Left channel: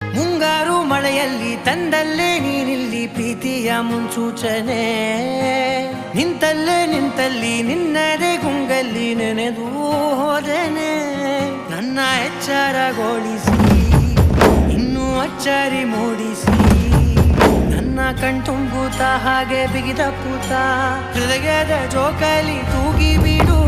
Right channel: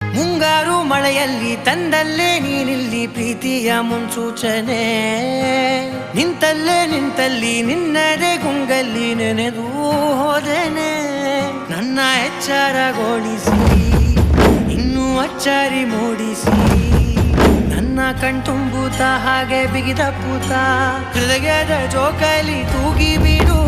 ಮುಂಗಾರು ಮಳೆಯಲ್ಲಿ ತಂದಲ್ಲೇ ನೀನಿಲ್ಲಿ ಪ್ರೀತಿಯ ಮುನ್ಸೂಚನೆ, ನಿಂತಲ್ಲಿ ನಿನ್ನದೇ ಗುಂಗಲ್ಲಿ ನೆನೆದು ಹೋದೆನೆ. ನನ್ನ ಎಚ್ಚರಗೊಳಿಸಿ ಇನ್ನೂ ಅಚ್ಚರಿ ಮೂಡಿಸಿ, ನನ್ನ ಕಣ್ತುಂಬುತ್ತ ಹಾಗೆ ಬಿಗಿದ ಪೂತ ಹೃದಯದ ಜೋಕಾಲಿ ತೂಗಿ ಬಿಡು.